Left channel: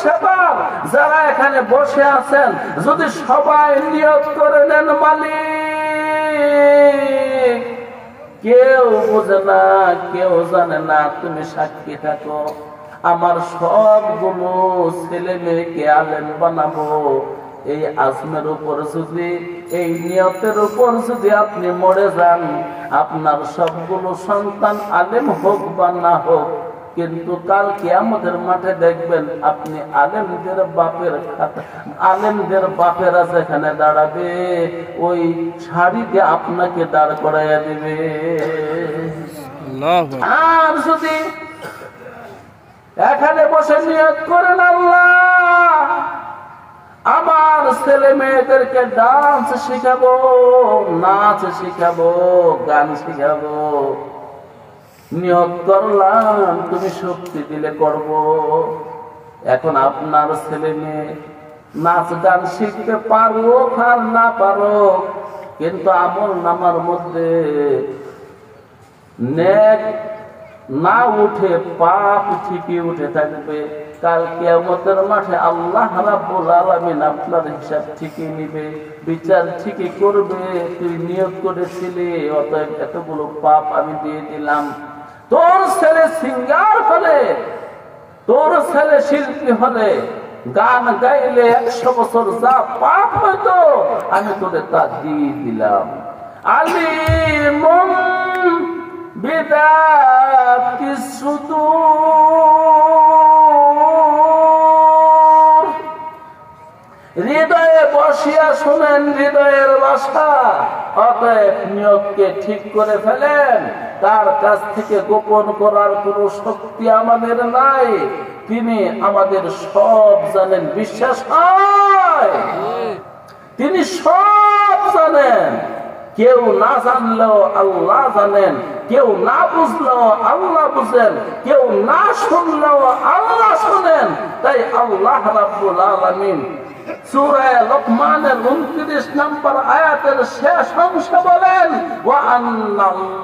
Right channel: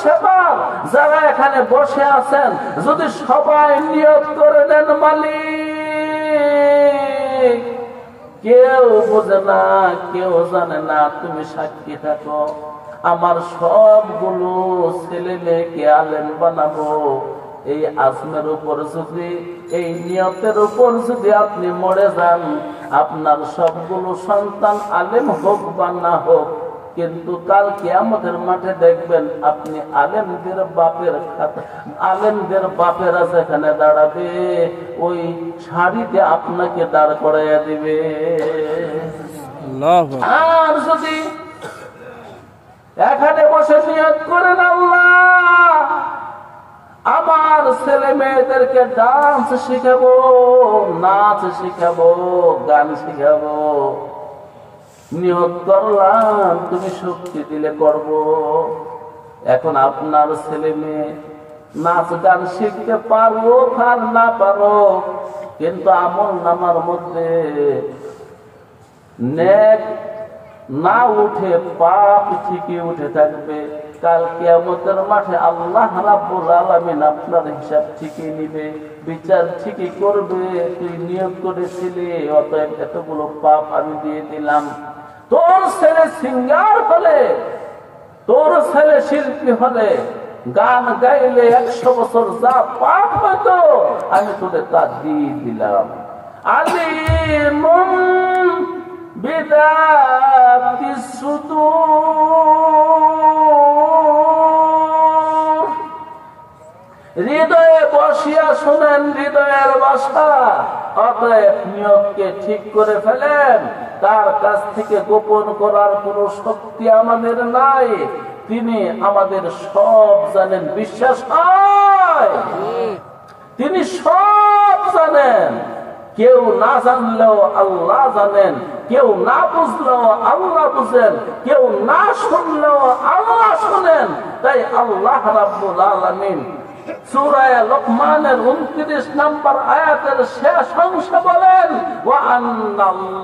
সেবার যারা এখানে বসে আছেন যদি সবাই নিয়ত করে নেন মালিক, কেউ বোঝে না, কেউ জানে না, তুমি সাক্ষী থাকো, আমার সবগুলো ছেলে মেয়েকে আলেম বানাবো। এই আজমের উপর যদি, এই নিয়তের উপর যদি আপনি মরে যান, আপনার সবগুলো সন্তান আলেম হোক বা না হোক, কিন্তু কাল কিয়ামতের মাঠে দেখবেন আপনি আলেমদের বাপেরা যেখানে দাঁড়াবে ওই শাড়িতে আপনাকে দাঁড় করাইয়া দিবে। আর যদি এখানে বসে নিয়ত করেন আল্লাহ আমার ছেলে মেয়েদেরকে ডান্স শিখাবো, নাচ শিখাবো, গান শিখাবো, নিয়ত করলাম তুমি শক্তি দিলে করব। এখন আপনার ছেলে মেয়ে নাচ গান শিখতে পারো আর না পারো, কিন্তু আমল নামার মধ্যে নেক না উঠে পাপ ঠিকই উঠে থাকবে। কাল কিয়ামতের মাঠে আল্লাহ রাব্বুল আলামিন আপনার হিসাব ঠিকই নিবে, বিচার ঠিকই করবে। তুই নিয়ত করেছিলি অতএব এতগুলো পাপ আমি দিয়ে দিলাম। তোর ছেলে সিঙ্গার হলে, তোর ছেলে শিল্পী হলে, গান গাইলে 100 বছর যা পাপ হতো আমি তোদের তা দিয়ে দিলাম। আলিমুন বিদাতি সুদূর, হৃদয়ে বসিয়া শুনেন হৃদয়ের ভাষা। অতএব নিয়তকে ঠিক করে ফেলেন, তার কাছ থেকে গোপন করার কোনো শক্তি আমাদের নাই। তিনি আমাদের সব জানেন, বিশ্বাস হয় তিনি সব জানেন। কেউ না জানলেও আল্লাহ জানেন, কেউ না বুঝলেও আল্লাহ বুঝেন, কেউ না শুনলেও আল্লাহ শুনেন। তাই আল্লাহ রাব্বুল আলামিন সূরা লোকমানের 29 নম্বর আয়াতের শেষ অংশ বলেন, ওয়া আন্নাল্লাহ